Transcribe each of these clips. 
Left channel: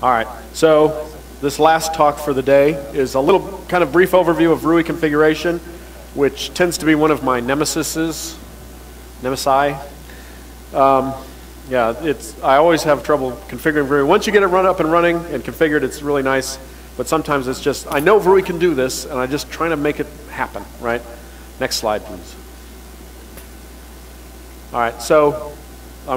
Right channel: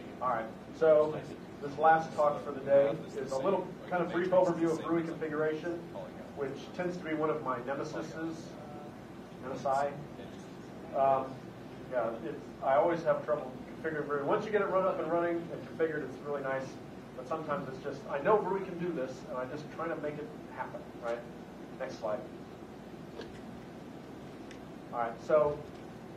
All right, so this last talk for the day is a little kind of brief overview of VRUI configuration, which tends to be one of my nemesi. Yeah, I always have trouble configuring VRUI. Once you get it up and running and configured, it's really nice, but sometimes it's just, I know VRUI can do this, and I'm just trying to make it happen, right? Next slide, please. All right, so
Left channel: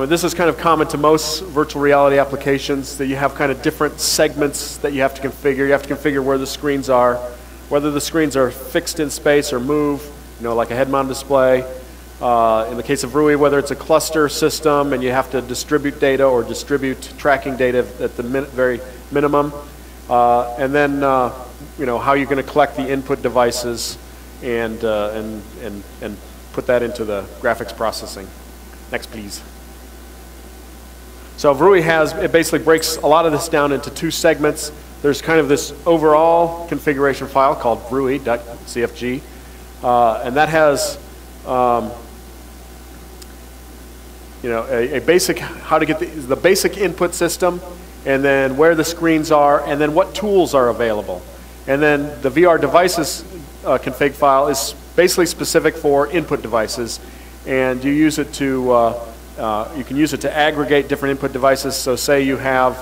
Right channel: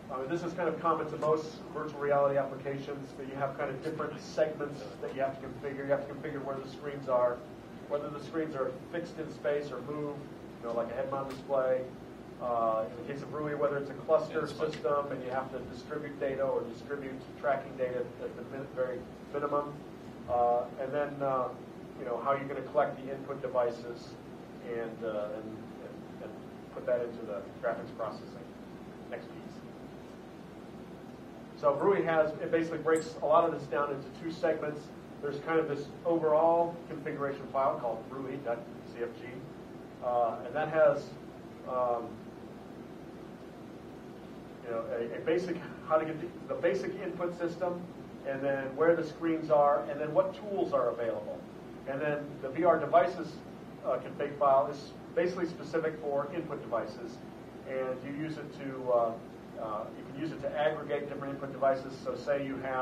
this is kind of common to most virtual reality applications, that you have kind of different segments that you have to configure. You have to configure where the screens are, whether the screens are fixed in space or move, like a head-mounted display. In the case of VRUI, whether it's a cluster system and you have to distribute data or distribute tracking data at the very minimum. And then, how you're going to collect the input devices and put that into the graphics processing. Next, please. So VRUI it basically breaks a lot of this down into two segments. There's kind of this overall configuration file called VRUI.cfg, and that has a basic, how to get the basic input system, and then where the screens are, and then what tools are available. And then the VR devices config file is basically specific for input devices, and you use it to you can use it to aggregate different input devices. So say you have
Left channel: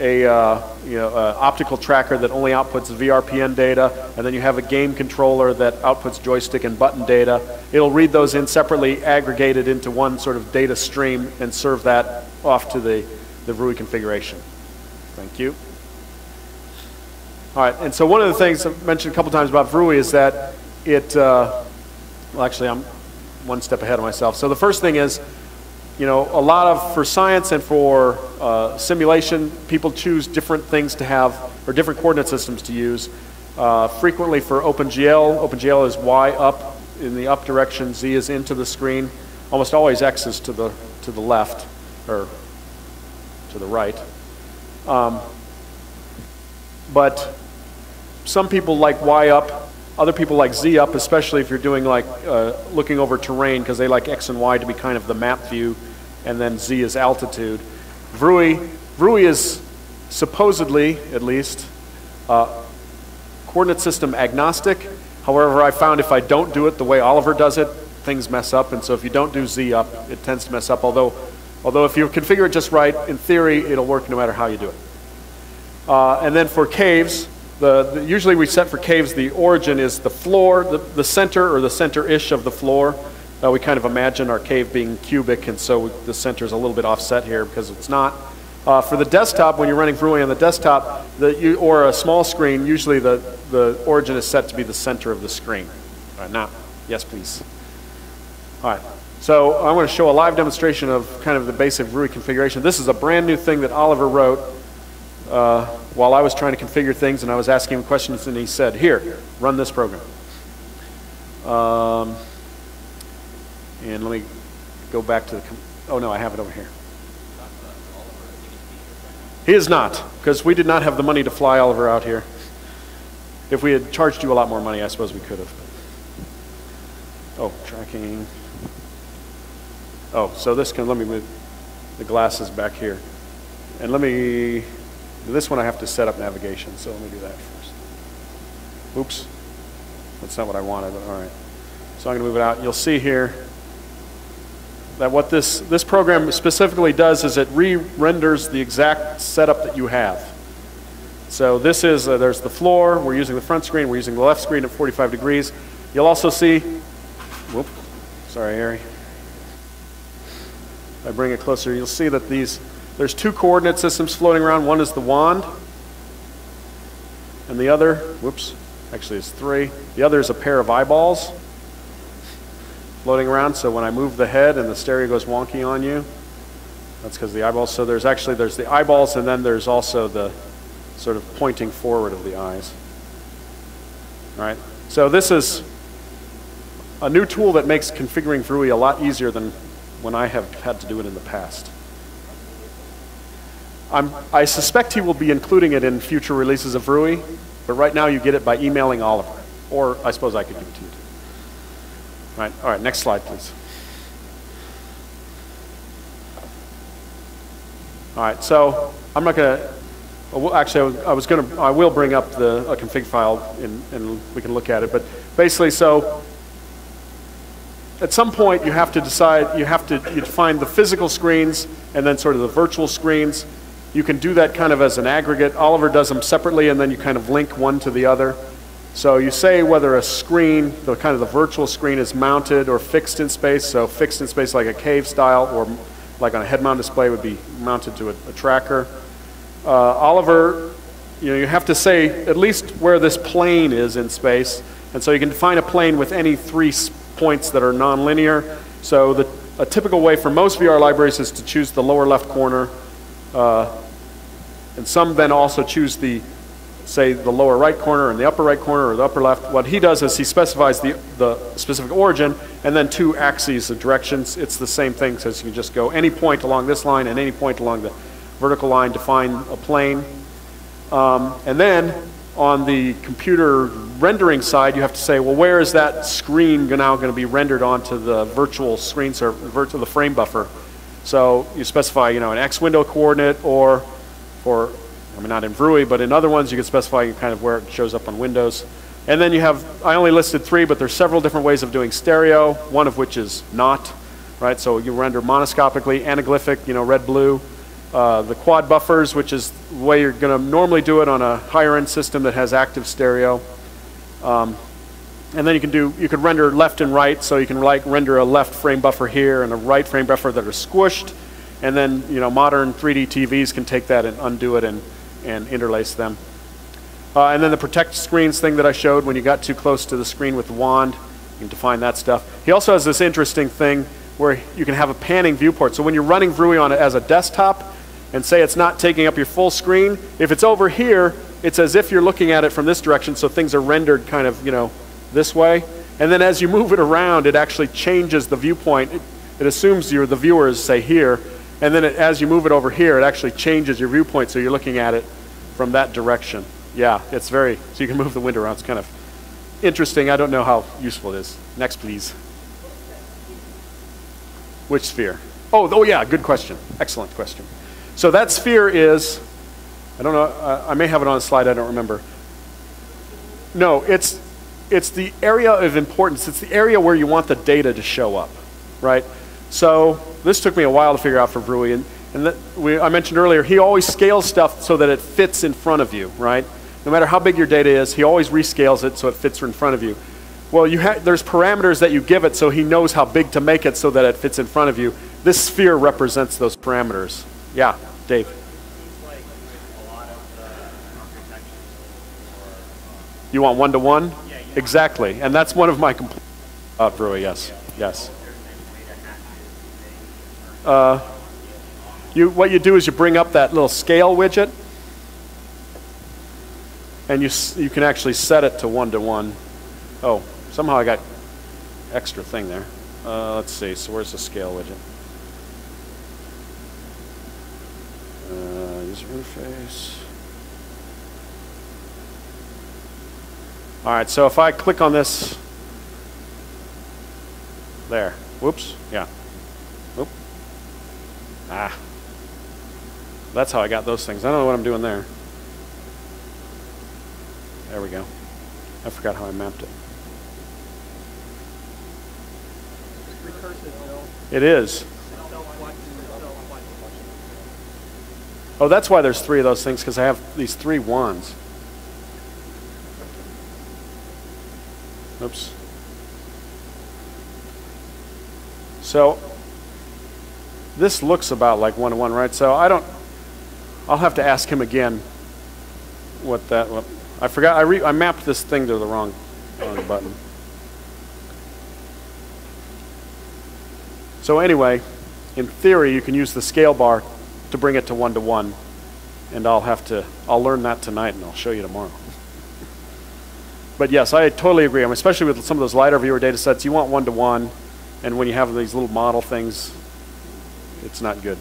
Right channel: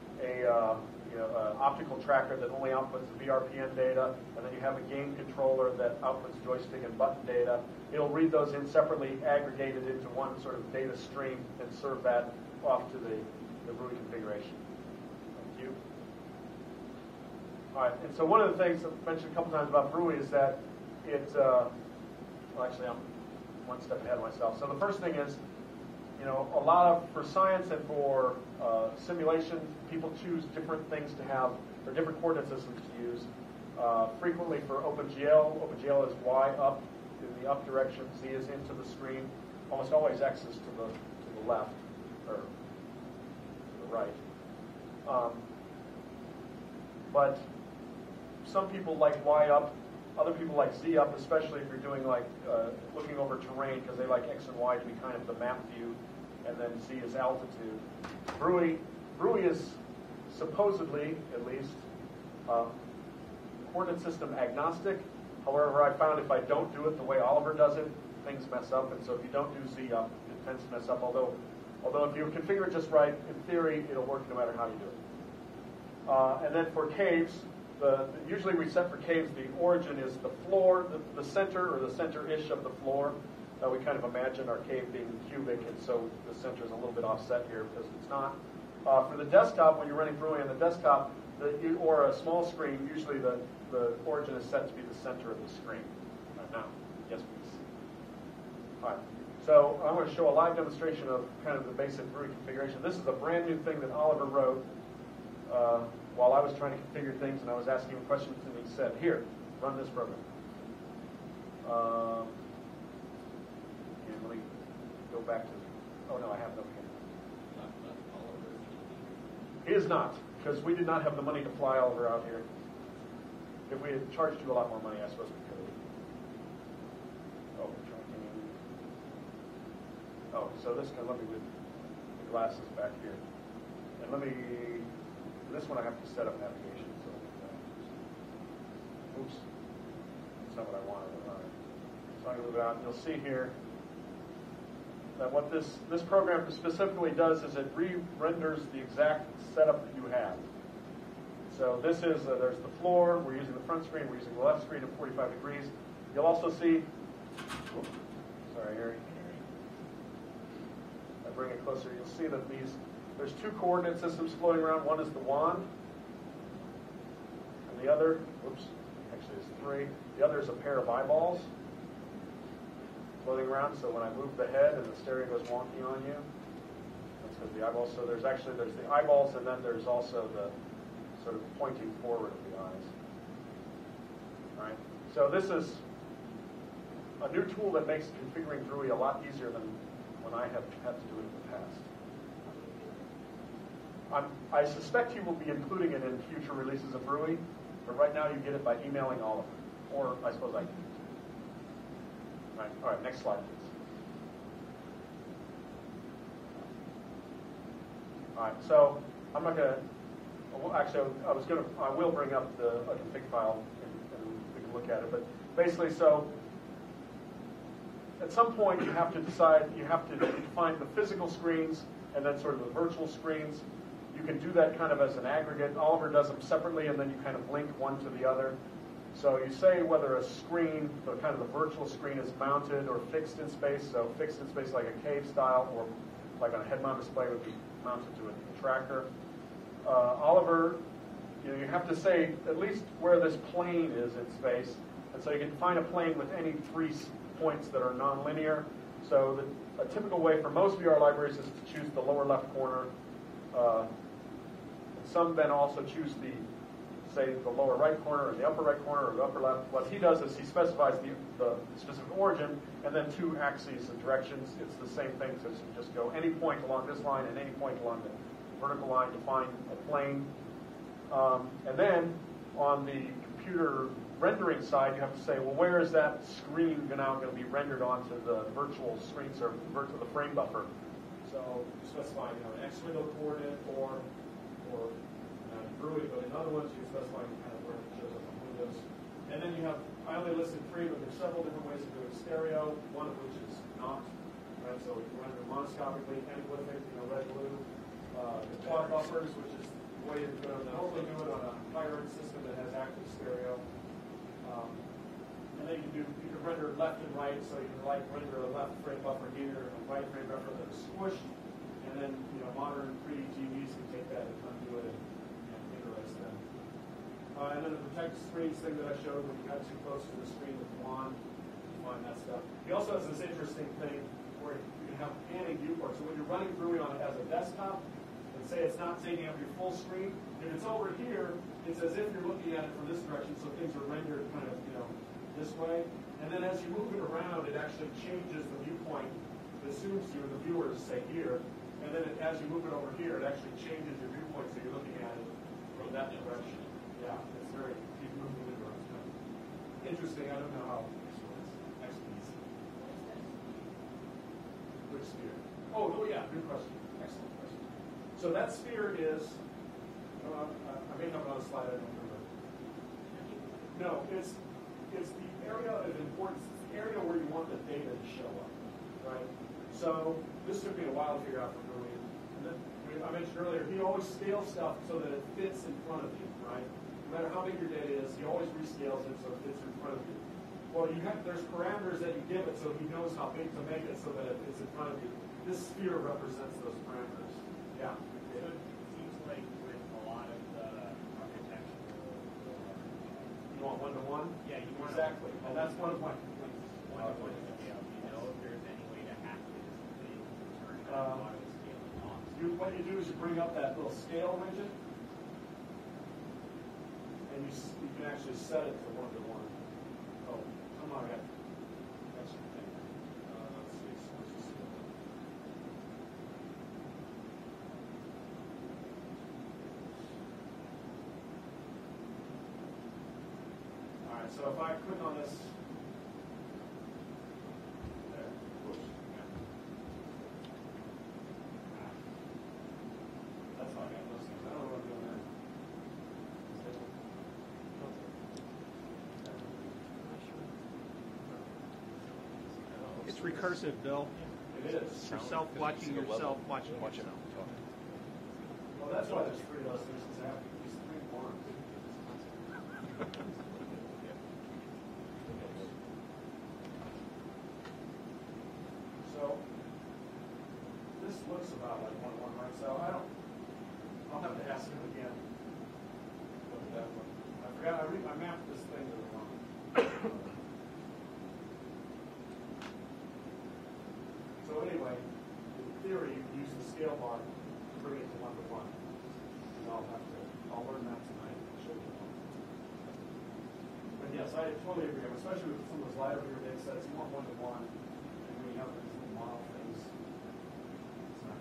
a optical tracker that only outputs VRPN data, and then you have a game controller that outputs joystick and button data. It'll read those in separately, aggregated into one sort of data stream, and serve that off to the VRUI configuration. Thank you. All right, and so one of the things I've mentioned a couple times about VRUI is that it, well actually I'm one step ahead of myself. So the first thing is, a lot of, for science and for simulation, people choose different things to have, or different coordinate systems to use. Frequently for OpenGL is Y up in the up direction, Z is into the screen. Almost always X is to the left, or to the right. But some people like Y up, other people like Z up, especially if you're doing like looking over terrain, because they like X and Y to be kind of the map view, and then Z is altitude. VRUI is supposedly, at least, coordinate system agnostic. However, I found if I don't do it the way Oliver does it, things mess up, and so if you don't do Z up, it tends to mess up, although if you configure it just right, in theory, it'll work no matter how you do it. And then for caves, usually we set for caves, the origin is the floor, the center or the center-ish of the floor. We kind of imagine our cave being cubic, and so the center is a little bit offset here because it's not. For the desktop, when you're running VRUI on the desktop, or a small screen, usually the origin is set to be the center of the screen. All right, now, yes, please. All right, so I want to show a live demonstration of kind of the basic VRUI configuration. This is a brand new thing that Oliver wrote while I was trying to configure things, and I was asking him questions, and he said, here, run this program. And let me go back to oh no, I have it over here. He is not, because we did not have the money to fly Oliver out here. If we had charged you a lot more money, I suppose we could have. Oh, tracking. Oh, so let me move the glasses back here. And this one I have to set up navigation, so let me do that first. Oops, that's not what I wanted, but all right. So I'm going to move it out. You'll see here that what this program specifically does is it re-renders the exact setup that you have. So this is, there's the floor, we're using the front screen, we're using the left screen at 45 degrees. You'll also see, whoop, sorry Harry. If I bring it closer, you'll see that there's two coordinate systems floating around. One is the wand, and the other, whoops, actually it's three. The other is a pair of eyeballs floating around, so when I move the head and the stereo goes wonky on you, that's because the eyeballs. So there's the eyeballs, and then there's also the sort of pointing forward of the eyes. All right, so this is a new tool that makes configuring VRUI a lot easier than when I have had to do it in the past. I suspect he will be including it in future releases of VRUI, but right now you get it by emailing Oliver, or I suppose I could give it to you. All right, next slide, please. All right, so I'm not going to well, actually, I will bring up a config file and we can look at it. But basically, so at some point you have to decide, you define the physical screens and then sort of the virtual screens. You can do that kind of as an aggregate. Oliver does them separately and then you kind of link one to the other. So you say whether a screen, the kind of the virtual screen, is mounted or fixed in space. So fixed in space like a cave style, or like on a head mount display would be mounted to a tracker. Oliver, you have to say at least where this plane is in space. And so you can define a plane with any 3 points that are nonlinear. So a typical way for most VR libraries is to choose the lower left corner. And some then also choose say the lower right corner and the upper right corner or the upper left. What he does is he specifies the specific origin and then 2 axes of directions. It's the same thing, so you can just go any point along this line and any point along the vertical line, define a plane. And then on the computer rendering side, you have to say, well, where is that screen now going to be rendered onto the virtual screen, the frame buffer? So you specify, an X window coordinate, or for, not in VRUI, but in other ones, you can specify kind of where it shows up on Windows. And then you have, I only listed 3, but there's several different ways of doing stereo, one of which is not, right? So you render monoscopically, anaglyphic, red, blue. The quad buffers, which is the way you're going to normally do it on a higher end system that has active stereo. And then you could render left and right, so you can render a left frame buffer here and a right frame buffer that are squished. And then modern 3D TVs can take that and undo it and interlace them. And then the protect screens thing that I showed, when you got too close to the screen with the wand, you can define that stuff. He also has this interesting thing where you can have a panning viewport. So when you're running VRUI on it as a desktop, and say it's not taking up your full screen, if it's over here, it's as if you're looking at it from this direction, so things are rendered kind of, this way. And then as you move it around, it actually changes the viewpoint. It assumes the viewer is, say, here, and then as you move it over here, it actually changes your viewpoint, so you're looking at it from that direction. Yeah, it's so you can move the window around. It's kind of interesting. I don't know how useful it is. Next, please. Which sphere? Oh yeah, good question. Excellent question. So that sphere is, I don't know, I may have it on a slide, I don't remember. No, it's the area of importance. It's the area where you want the data to show up, right? So this took me a while to figure out for VRUI, and I mentioned earlier, he always scales stuff so that it fits in front of you, right? No matter how big your data is, he always rescales it so it fits in front of you. Well, there's parameters that you give it so he knows how big to make it so that it fits in front of you. This sphere represents those parameters. Yeah, Dave. You want one-to-one? Exactly, and that's one of my complaints about VRUI, yes. What you do is you bring up that little scale widget, and you can actually set it to one-to-one. Oh, somehow I got extra thing there. Let's see, so where's the scale widget? User interface. All right, so if I click on this, there, whoops, yeah, whoop, that's how I got those things. I don't know what I'm doing there. There we go. I forgot how I mapped it. It's recursive, Bill. It is. Self-watching. Oh, that's why there's 3 of those things, because I have these 3 wands. Oops. So this looks about like one-to-one, right? So I'll have to ask him again I forgot, I mapped this thing to the wrong button. So anyway, in theory, you can use the scale bar to bring it to one-to-one, and I'll learn that tonight and I'll show you tomorrow. But yes, I totally agree. Especially with some of those lighter viewer data sets, you want one-to-one, and when you have these little model things, it's not good.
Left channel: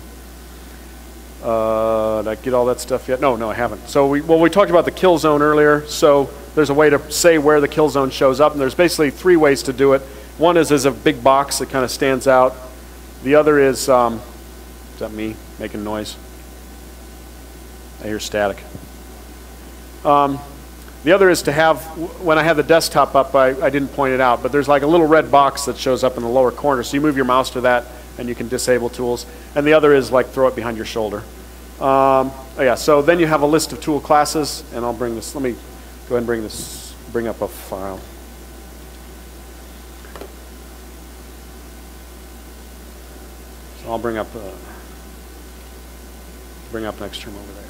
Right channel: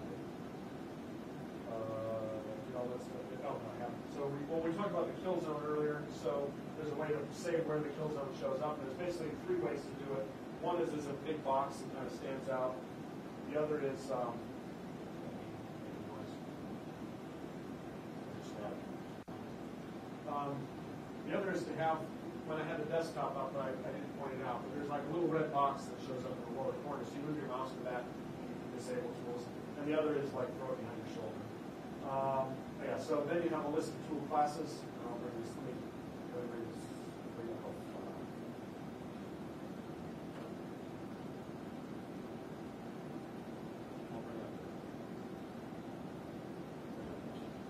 Did I get all that stuff yet? No, I haven't. So we talked about the kill zone earlier. So there's a way to say where the kill zone shows up, and there's basically 3 ways to do it. One is a big box that kind of stands out. The other is that me making noise? here's static. The other is to have, when I have the desktop up, I didn't point it out, but there's like a little red box that shows up in the lower corner. So you move your mouse to that and you can disable tools. And the other is like throw it behind your shoulder. Yeah, so then you have a list of tool classes, and I'll bring this, let me go ahead and bring up a file. So I'll bring up next term over there.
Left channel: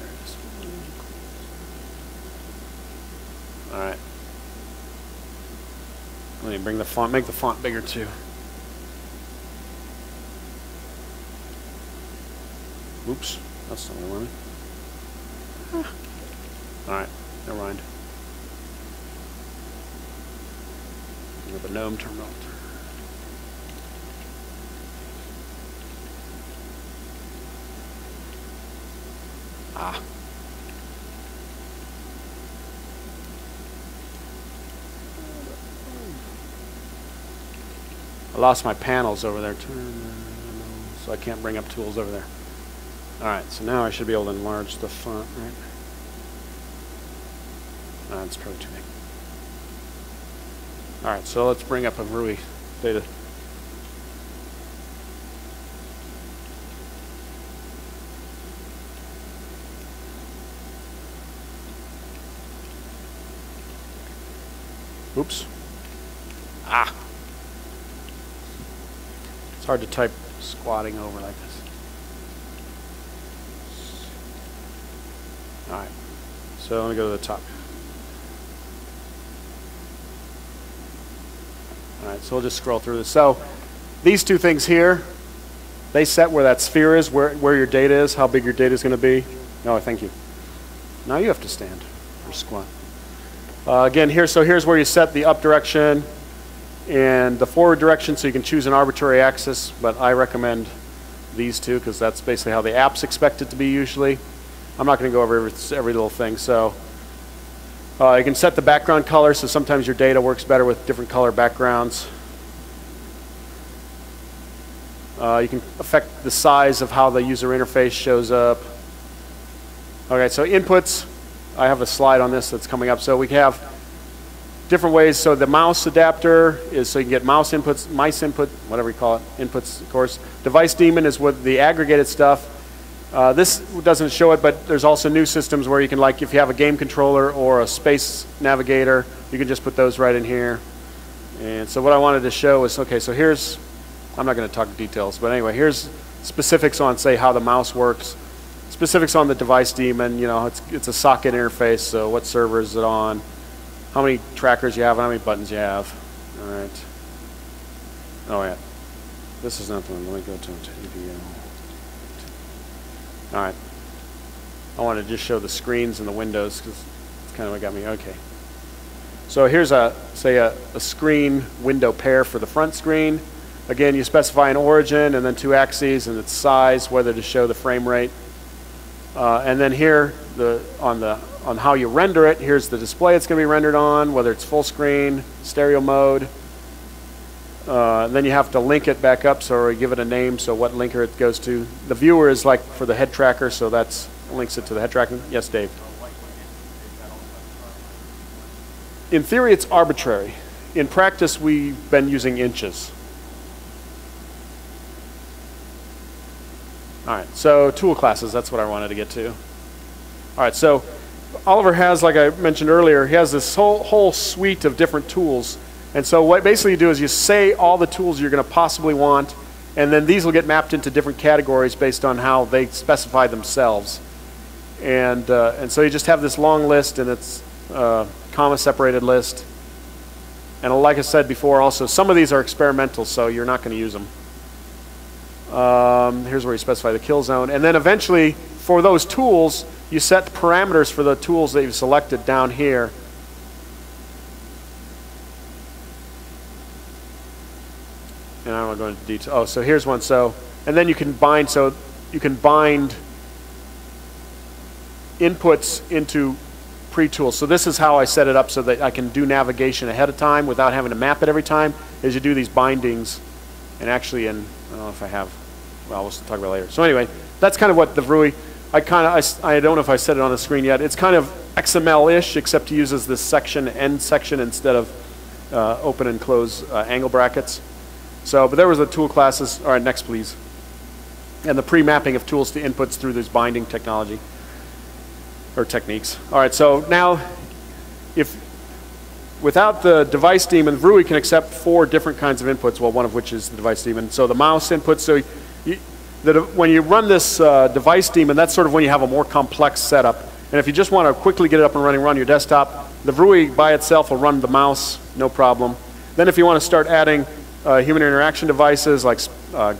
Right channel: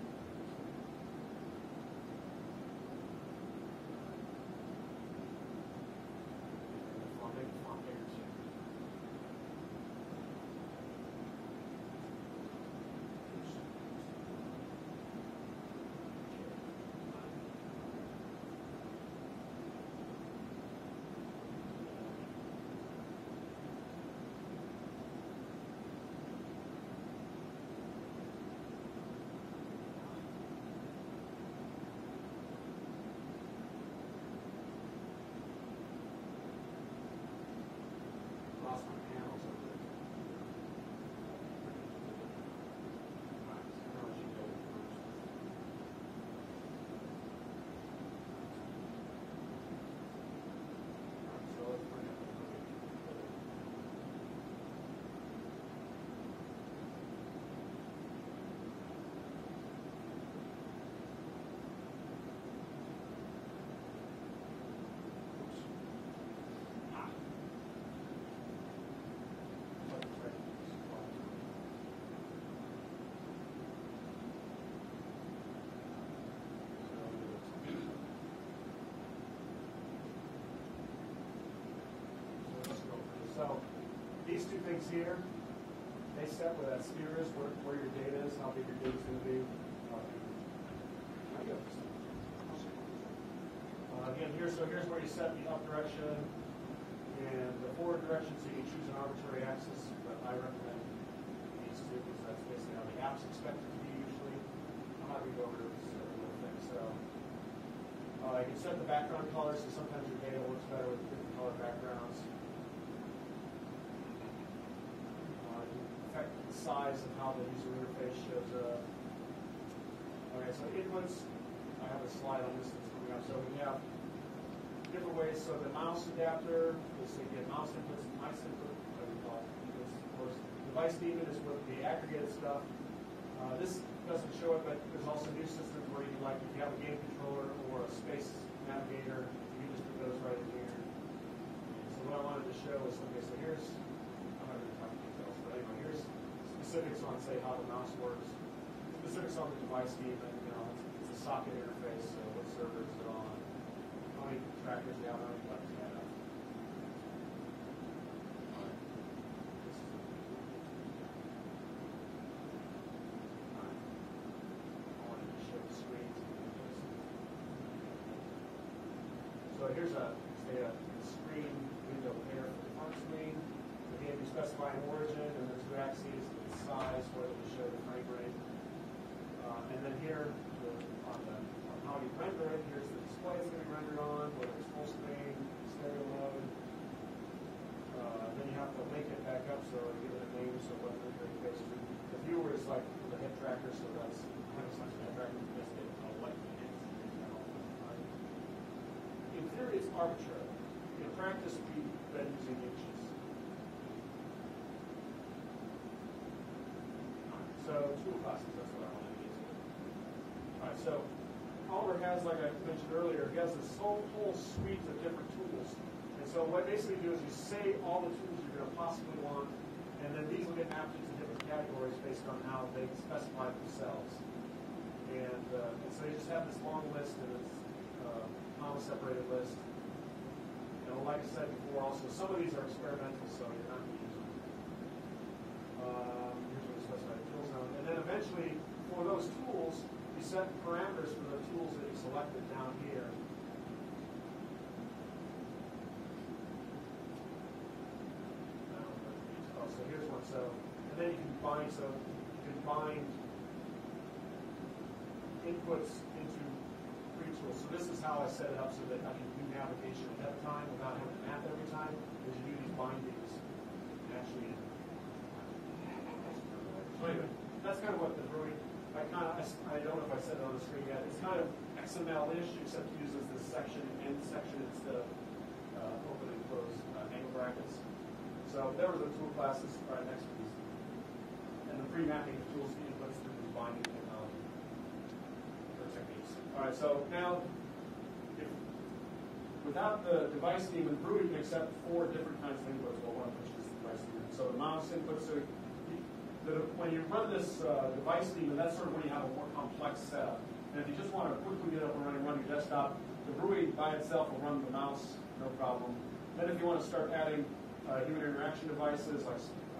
All right. Let me bring the font, make the font bigger too. Oops, that's not what I wanted. All right, never mind. The GNOME terminal. Ah. I lost my panels over there too, so I can't bring up tools over there. All right, so now I should be able to enlarge the font, right? That's probably too big. All right, so let's bring up a VRUI data. Oops. Ah. It's hard to type squatting over like this. All right, so let me go to the top. All right, so we'll just scroll through this. So these two things here, they set where that sphere is, where your data is, how big your data is going to be. Oh, thank you. Now you have to stand or squat. Again, here's where you set the up direction and the forward direction, so you can choose an arbitrary axis, but I recommend these two because that's basically how the app's expected to be usually. I'm not going to go over every little thing. So you can set the background color, so sometimes your data works better with different color backgrounds. You can affect the size of how the user interface shows up. Okay, so inputs. I have a slide on this that's coming up. So we have different ways. So the mouse adapter is so you can get mouse inputs, mice input, whatever you call it, inputs, of course. Device daemon is with the aggregated stuff. This doesn't show it, but there's also new systems where you can, like, if you have a game controller or a space navigator, you can just put those right in here. And so what I wanted to show is, okay, so here's, I'm not going to talk details, but anyway, here's specifics on, say, how the mouse works. Specifics on the device daemon, you know, it's a socket interface, so what server is it on, how many trackers you have, and how many buttons you have. All right. Oh, yeah. This is not the one. Let me go to TVO. All right. I want to just show the screens and the windows because it's kind of what got me. Okay. So here's say a screen window pair for the front screen. Again, you specify an origin and then two axes and its size, whether to show the frame rate. And then here, on how you render it, here's the display it's going to be rendered on, whether it's full screen, stereo mode. Then you have to link it back up, so give it a name, so what linker it goes to. The viewer is like for the head tracker, so that's links it to the head tracking. Yes, Dave? In theory, it's arbitrary. In practice, we've been using inches. All right, so tool classes, that's what I wanted to get to. All right, so Oliver has, like I mentioned earlier, he has this whole suite of different tools. And so what basically you do is you say all the tools you're going to possibly want, and then these will get mapped into different categories based on how they specify themselves. And so you just have this long list, and it's comma-separated list. And like I said before also, some of these are experimental, so you're not going to use them. Here's where you specify the kill zone. And then eventually, for those tools, you set parameters for the tools that you've selected down here. And I don't want to go into detail. Oh, so here's one. So, and then you can bind. So you can bind inputs into pre-tools. So this is how I set it up so that I can do navigation ahead of time without having to map it every time. Is you do these bindings, and actually, I don't know if I have. Well, we'll talk about it later. So anyway, that's kind of what the VRUI. I don't know if I said it on the screen yet. It's kind of XML-ish, except it uses this section, end section, instead of open and close angle brackets. So, but there was the tool classes. All right, next please. And the pre-mapping of tools to inputs through this binding technology, or techniques. All right, so now, without the device daemon, VRUI can accept 4 different kinds of inputs, well, one of which is the device daemon. So the mouse input, so when you run this device daemon, that's sort of when you have a more complex setup. And if you just want to quickly get it up and running, run your desktop, the VRUI by itself will run the mouse, no problem. Then if you want to start adding human interaction devices like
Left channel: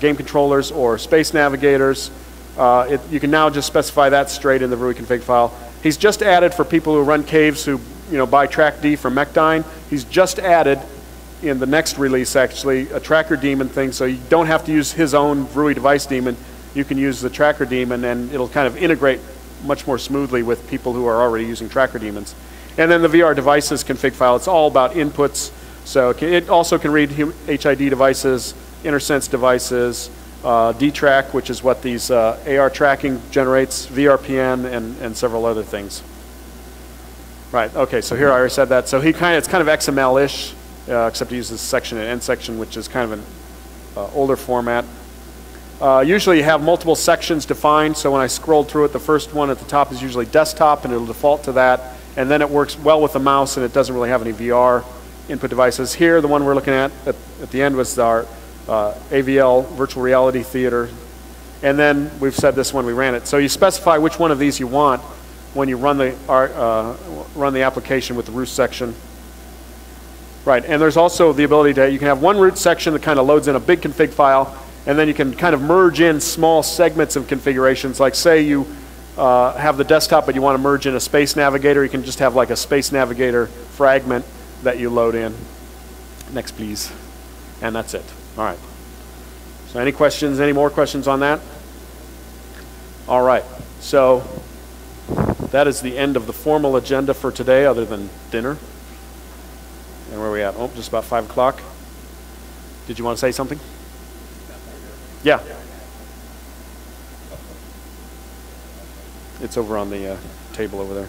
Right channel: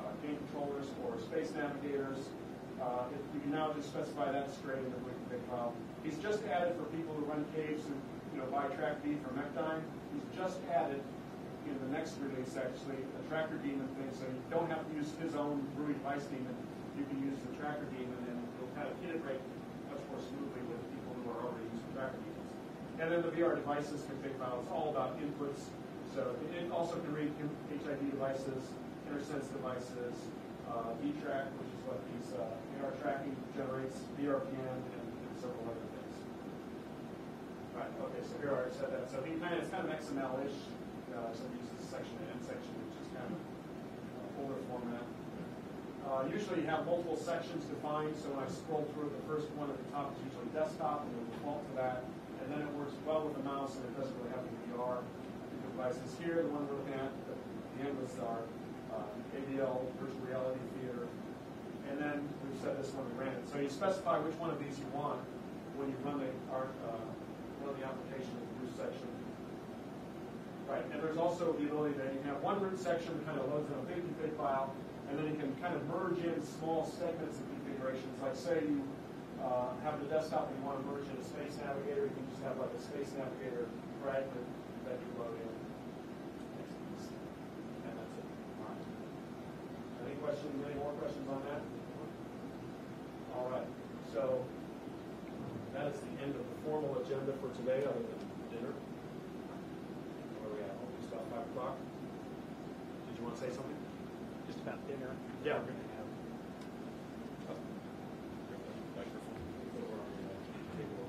game controllers or space navigators, you can now just specify that straight in the VRUI config file. He's just added for people who run caves who buy track D from Mechdyne. He's just added in the next release actually a tracker daemon thing, so you don't have to use his own VRUI device daemon. You can use the tracker daemon and it'll kind of integrate much more smoothly with people who are already using tracker daemons. And then the VR devices config file, it's all about inputs. So it also can read HID devices, InterSense devices, D-Track, which is what these AR tracking generates, VRPN, and several other things. Right, okay, so here I already said that. So it's kind of XML-ish, except he uses section and end section, which is kind of an older format. Usually you have multiple sections defined, so when I scroll through it, the first one at the top is usually desktop, and it'll default to that. And then it works well with the mouse, and it doesn't really have any VR input devices. Here, the one we're looking at the end was our AVL, virtual reality theater. And then we've said this when we ran it. So you specify which one of these you want when you run the application with the root section. Right, and there's also the ability to, you can have one root section that kind of loads in a big config file, and then you can kind of merge in small segments of configurations. Like say you have the desktop, but you want to merge in a space navigator, you can just have like a space navigator fragment that you load in. Next, please. And that's it. All right. So any questions, any more questions on that? All right. So that is the end of the formal agenda for today, other than dinner. And where are we at? Oh, just about 5 o'clock. Did you want to say something? Yeah. It's over on the table over there.